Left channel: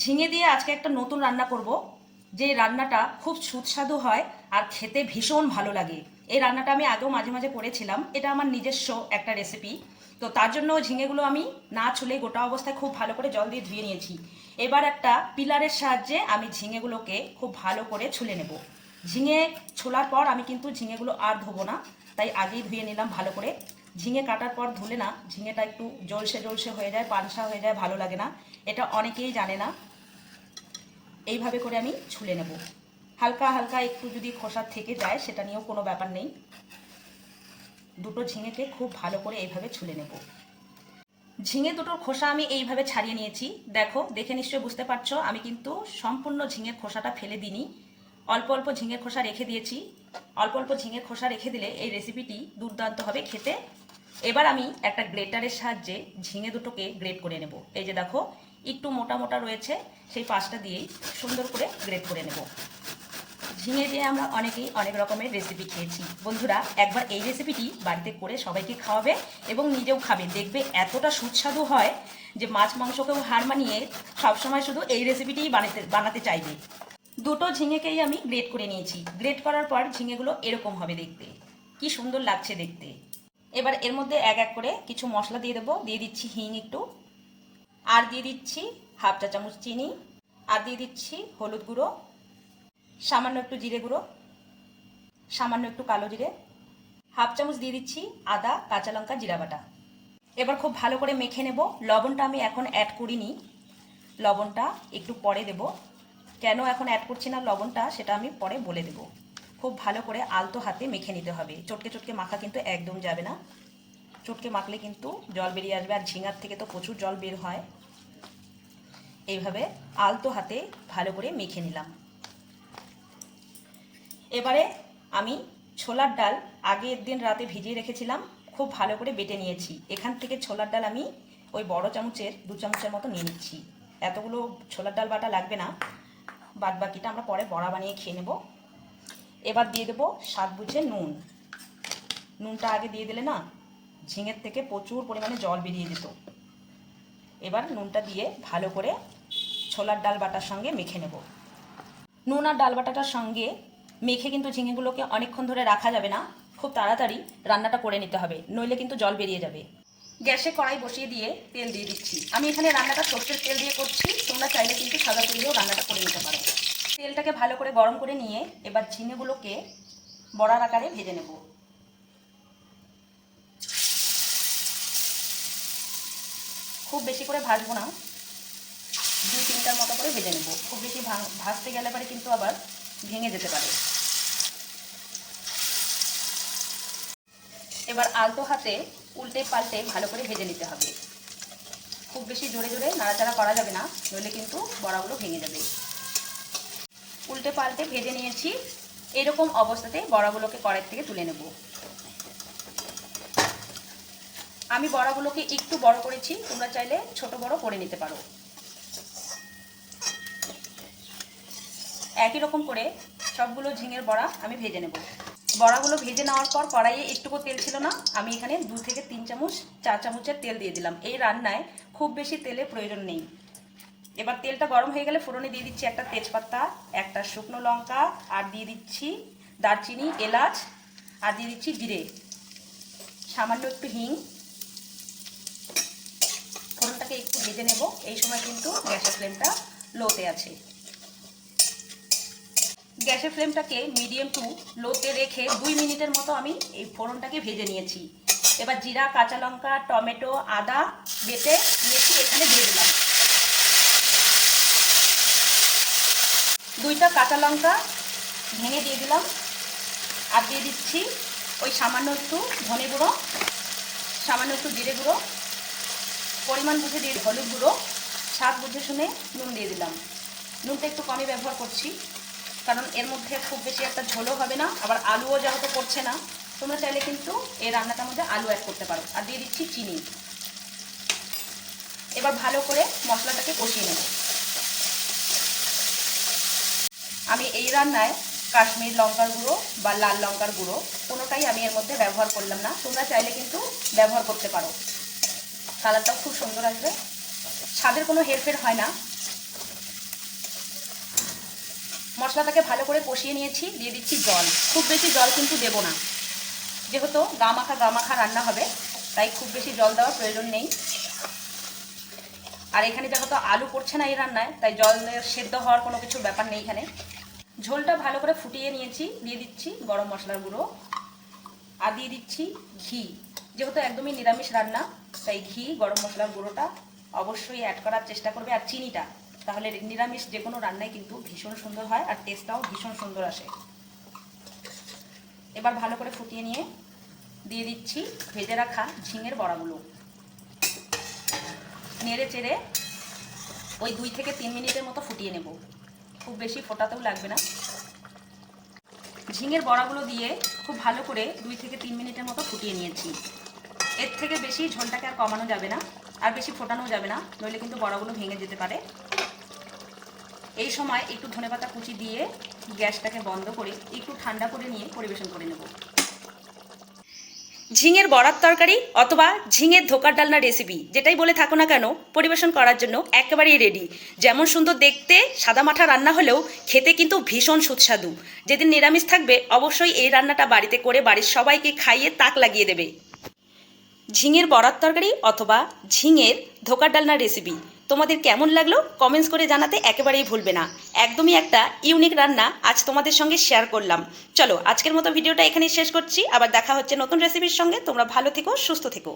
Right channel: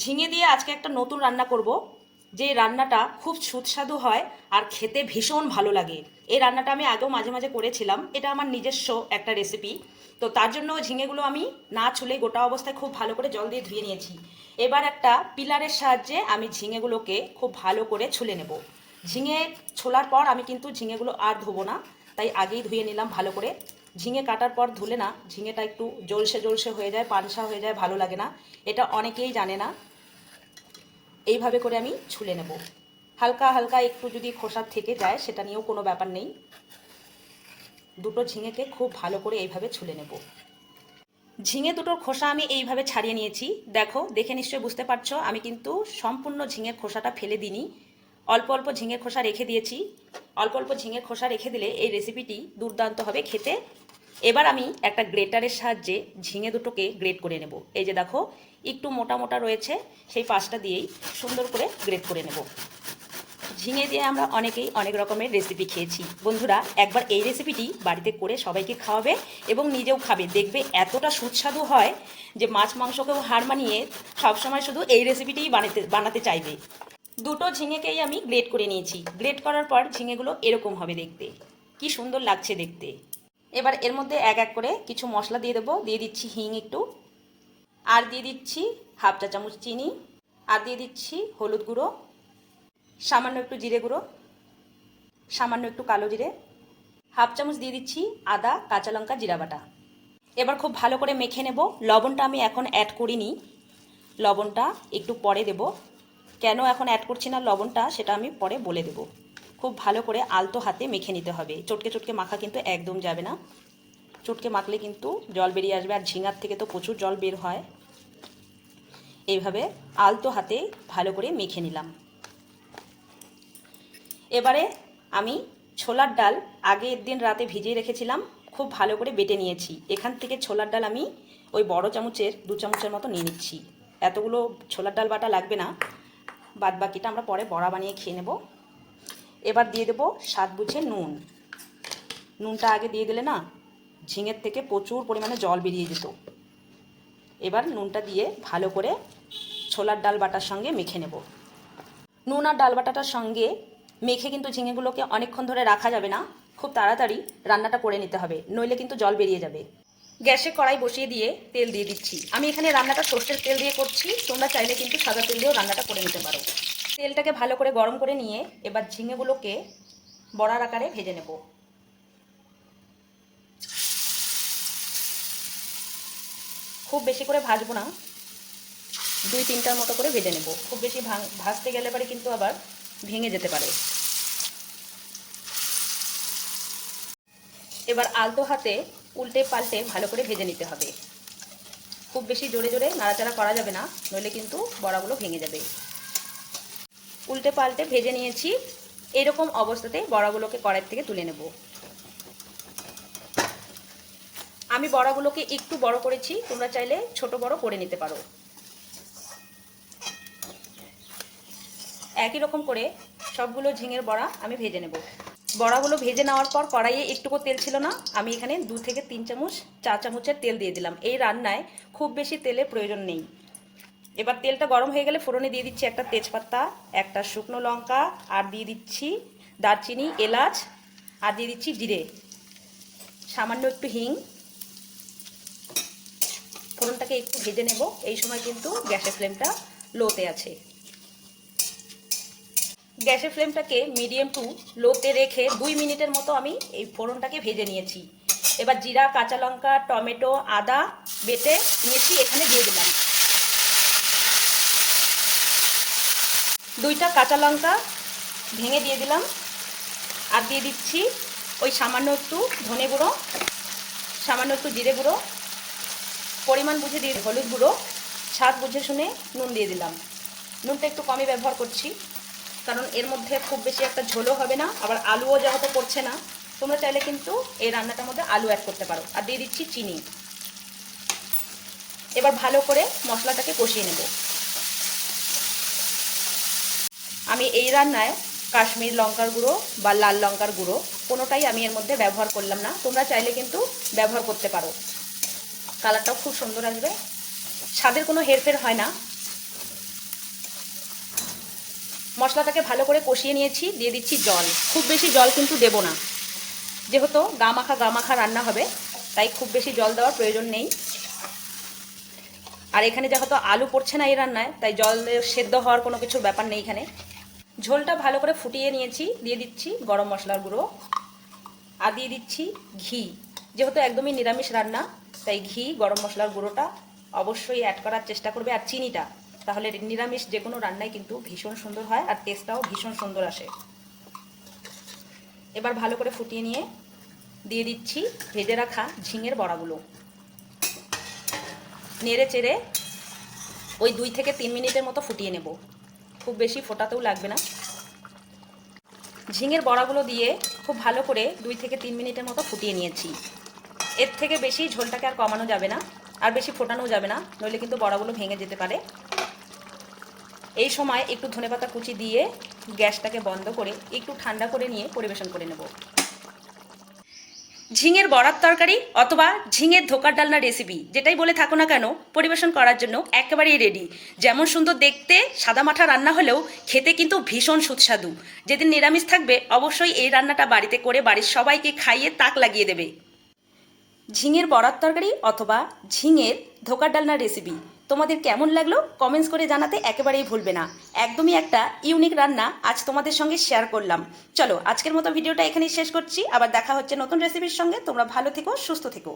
ঝিঙে দিয়ে আজকে একটা নতুন রান্না করব, যে রান্নাটা খুব সুস্বাদু হয় আর খেতে ভীষণ ভালো লাগে। এই রান্নাটা আমি আগেও মাঝে মাঝে করেছিলাম, এটা আমার নিজস্ব একটা রেসিপি। তো তার জন্য ঝিঙেগুলো আমি না ছুলে গোটা অবস্থায় খুব ভালো করে জল দিয়ে ধুয়ে নিয়েছি। এবার একটা পিলারের সাহায্যে আমি ঝিঙেগুলোকে খুব ভালো করে ছুলে নেব। ঝিঙে ছোলার পর আমি কিন্তু ঝিঙেগুলো আর ধোবো না, তাই আগেই ধুয়ে নিলাম ভালো করে। ঝিঙে কাটার পর ধুলে না ঝিঙেটা একটু জলসে জলসে হয়ে যায়, পানসা হয়ে যায়, ভালো লাগে না। এটা অনেকেই জানে না। এইভাবে করে আমি ছুলে নেব। হালকা হালকা একটু যদি খোসা থেকে যায় সেটা নিয়েও কোনো ব্যাপার নেই। দুটো ঝিঙেকে খুব ভালো করে এইভাবে ছুলে নেব। ঝিঙে দুটোর খোসা আমি এইভাবে ছাড়িয়ে নিয়েছি। দেখো, দেখে নিশ্চয়ই বুঝতে পারছো আমি কিন্তু সম্পূর্ণ ঝিঙের খোসাটা ফেলে দিইনি, অল্প অল্প ঝিঙের খোসা রেখে দিয়েছি। অল্প অল্প ঝিঙের খোসা রেখে দিলে এই রেসিপিটি দুর্দান্ত হবে খেতে। এবার আমি একটা গ্রেটারের সাহায্যে ঝিঙে দুটোকে গ্রেট করে নেব। এই যে দেখো, একটু মোটা মোটা রয়েছে, সেই পাশটা দিয়েই সুন্দর করে গ্রেট করে নেব। ঝিঙে দিয়ে আমরা অনেকেই অনেক রকমের রেসিপি খেয়েছি। বন্ধুরা, একবার এই রেসিপিটি বাড়িতে করে সবাইকে খাওয়াবে এবং নিজেও খাবে, দেখবে এতটা সুস্বাদু হয় যে মাছ মাংসকেও হার মানিয়ে সবসময় শুধু এই রেসিপিটিই বানাতে চাইবে। দুটো ঝিঙেকেই আমি গ্রেট করে নিয়েছি। গ্রেট করার পর ঝিঙেগুলো এরকম হবে দেখতে, কি সুন্দর লাগছে দেখতে। এবার এর মধ্যে এক এক করে কিছু মশলা দিয়ে দেবো। দিয়ে দিচ্ছি হিং একটু, আর দিয়ে দিচ্ছি হাফ চা চামচ চিনি, আর দিয়ে দিচ্ছি হলুদ গুঁড়ো, সামান্য একটু জিরে গুঁড়ো, সামান্য একটু কালো জিরে, হাফ চামচ দিয়ে দিচ্ছি আদা, কাঁচা লঙ্কা, জিরা বাটা। এবার খুব ভালো করে মেখে নেব। লবণটা আমি এখন অ্যাড করিনি, লবণটা একটু পরে দেব। কেন এখন অ্যাড করছি না লবণটা সেটা আমি পরে বলে দেব। খুব ভালো করে আলতো হাতে মেখে নিতে হবে। চটকে চটকে মাখা কিন্তু একদম যাবে না, চটকে মাখলে কিন্তু জল বেরিয়ে আসবে, আর ঝিঙার থেকে তো প্রচুর জল বের হয়। এইভাবে আলতো হাতে ভালো করে মেখে নিলাম। এবারে আমি ছোলার ডাল আগের দিন রাতে ভিজিয়ে রেখেছিলাম, খুব ভালো করে বেটে নিয়েছি। এখান থেকে ছোলার ডাল আমি ওই বড় চামচের 2 চামচের মতো নিয়ে নিচ্ছি। এতগুলো ছোলার ডাল বাটা লাগবে না, বাদ বাকিটা আমরা পরে বড়া বানিয়ে খেয়ে নেব। এবার দিয়ে দেবো স্বাদ বুঝে নুন। নুনটা আগে দিয়ে দিলে না ঝিঙের থেকে প্রচুর পরিমাণে জল বেরিয়ে যেত। এবার নুনটা দিয়ে ভালো করে ছোলার ডাল বাটার সঙ্গে মেখে নেব। নুন আর ডাল বাটাটার সঙ্গে মেখে কিন্তু ঝিঙেগুলোকে অনেকক্ষণ ধরে রাখা যাবে না, খুব তাড়াতাড়ি রান্নাটা করে নিতে হবে, নইলে কিন্তু জল বেরিয়ে যাবে। গ্যাসে কড়াই বসিয়ে দিয়ে তেল দিয়ে দিচ্ছি। আমি এখানে রান্নাটা সর্ষের তেল দিয়ে করছি, তোমরা চাইলে কিন্তু সাদা তেল দিয়েও রান্নাটা করে নিতে পারো। তেলটাকে ভালো করে গরম করে নিয়ে এবার ঝিঙেগুলোকে বড়ার আকারে ভেজে নেব। খুব বেশি করে ভাজবো না, 2-3টার মতো করে ভেজে নেব। খুব বেশি ভাজতে গেলে পরে কিন্তু আবার ভেঙে যেতে পারে। এবার আলতো হাতে উল্টে পাল্টে ভালো করে ভেজে নিতে হবে। খুব বেশি জোরে জোরে নাড়াচাড়া করা যাবে না, নইলে কিন্তু বড়াগুলো ভেঙে যাবে। উল্টে পাল্টে ভেজে নিয়েছি। এইরকম অবস্থাতে বড়াগুলোকে কড়াই থেকে তুলে নেব। আমি বড়াগুলোকে একটু বড় করেছি, তোমরা চাইলে ছোট বড় করে নিতে পারো। একই রকম করে সবগুলো ঝিঙের বড়া আমি ভেজে নেব। বড়াগুলো ভেজে নেওয়ার পর কড়াইয়ে একটুকু তেল ছিল না, আমি এখানে 2 থেকে 3 চামচ 4 চামচের তেল দিয়ে দিলাম। এই রান্নায় খুব বেশি তেলের প্রয়োজন নেই। এবার তেলটা গরম হয়ে গেলে ফোড়নে দিয়ে দিচ্ছি একটা তেজপাতা, একটা শুকনো লঙ্কা, আর দিয়ে দিচ্ছি দারচিনি, এলাচ, আর দিয়ে দিচ্ছি জিরে, সামান্য একটু হিং। ফোড়নটাকে একটু ভেজে নেব। এই সময় কিন্তু গ্যাসের ফ্লেমটা লোতে আছে। গ্যাসের ফ্লেমটাকে মিডিয়াম টু লোতে রেখে 2 মিনিটের মতো আমি এই ফোড়নটাকে ভেজে নিয়েছি। এবার জিরা, কাঁচা লঙ্কা, টমেটো, আদা বেটে নিয়েছি, এখানে দিয়ে দিলাম। 2টা কাঁচা লঙ্কা ভেঙে দিয়ে দিলাম, আর দিয়ে দিচ্ছি ওই সামান্য একটু ধনে গুঁড়ো, সামান্য একটু জিরে গুঁড়ো, পরিমাণ বুঝে দিয়ে হলুদ গুঁড়ো, স্বাদ বুঝে শুনে নুন দিয়ে দিলাম। নুনটা একটু কমই ব্যবহার করছি, কারণ এর মধ্যে খুব বেশি একটা ঝোলও হবে না, আবার আলুও যেহেতু করছে না। তোমরা চাইলে কিন্তু এই রান্নাটার মধ্যে আলু অ্যাড করতে পারো। আর দিয়ে দিচ্ছি চিনি। এবার ভালো করে মশলাটাকে কষিয়ে নেব। আমি এই রান্নায় কাশ্মীর লঙ্কার গুঁড়ো বা লাল লঙ্কার গুঁড়ো কোনোটাই আমি এর মধ্যে ব্যবহার করলাম না, তোমরা চাইলে কিন্তু ব্যবহার করতে পারো। কালারটাও খুব সুন্দর আসবে, স্বাদের কোনো হেরফের হয় না। মশলাটাকে ভালো করে কষিয়ে নিয়েছি, দিয়ে দিচ্ছি জল। খুব বেশি জল কিন্তু দেব না, যেহেতু গা মাখা রান্না হবে, তাই খুব বেশি জল দেওয়ার প্রয়োজন নেই। আর এখানে যেহেতু আলু পড়ছে না এই রান্নায়, তাই জলের সেদ্ধ হওয়ার কোনো কিছুর ব্যাপার নেই এখানে। ঝোলটা ভালো করে ফুটিয়ে নিয়েছি, দিয়ে দিচ্ছি গরম মশলার গুঁড়ো আর দিয়ে দিচ্ছি ঘি। যেহেতু একদমই নিরামিষ রান্না, তাই ঘি, গরম মশলার গুঁড়োটা অবশ্যই অ্যাড করার চেষ্টা করবে, আর চিনিটা। তাহলে নিরামিষ যে কোনো রান্নায় কিন্তু ভীষণ সুন্দর হয় আর টেস্টটাও ভীষণ সুন্দর আসে। এবার ভালো করে ফুটিয়ে নিয়ে দিয়ে দিচ্ছি ভেজে রাখা ঝিঙের বড়াগুলো। নেড়ে চেড়ে ওই 2 থেকে 3 মিনিটের মতো ফুটিয়ে নেব, খুব বেশি ফোটাতেও লাগবে না। ঝিঙের বড়াগুলো দিয়ে খুব ভালো করে 2 থেকে 3 মিনিটের মতো ফুটিয়ে নিয়েছি। এর থেকে বেশি ঝোলটাকে আর কমানো যাবে না, আর বেশি ফোটানো যাবে না, নইলে কিন্তু বড়াগুলো ভেঙে যেতে পারে। এই সময় একটু ধনেপাতা কুচি দিয়ে গ্যাসটাকে বন্ধ করে একটু ঠান্ডা করে নিয়ে পরিবেশন করে নেব। ঝিঙের বড়ার তরকারি অথবা ঝিঙের ধোকার ডালনা রেসিপি যেটাই বলে থাকো না কেন, পরিবেশন করার জন্য একেবারেই রেডি। যেমন সুন্দর দেখতে সাদামাঠা রান্না হলেও খেতে কিন্তু ভীষণ সুস্বাদু। যেদিন নিরামিষ থাকবে অবশ্যই এই রান্নাটা বাড়িতে করে বাড়ির সবাইকে খাইয়ে তাক লাগিয়ে দেবে। ঝিঙের বড়ার তরকারি অথবা ঝিঙের ধোকার ডালনা রেসিপি তোমাদের কেমন লাগলো কমেন্টস করে জানাতে একেবারেই ভুলবে না। একদমই একটা ইউনিক রান্না আজ তোমাদের সঙ্গে শেয়ার করলাম। চলো আজকের মতো ভিডিওটা এখানেই শেষ করছি, আবার দেখা হচ্ছে নতুন রেসিপির সঙ্গে। তোমরা ভালো থেকো, সুস্থ থেকো।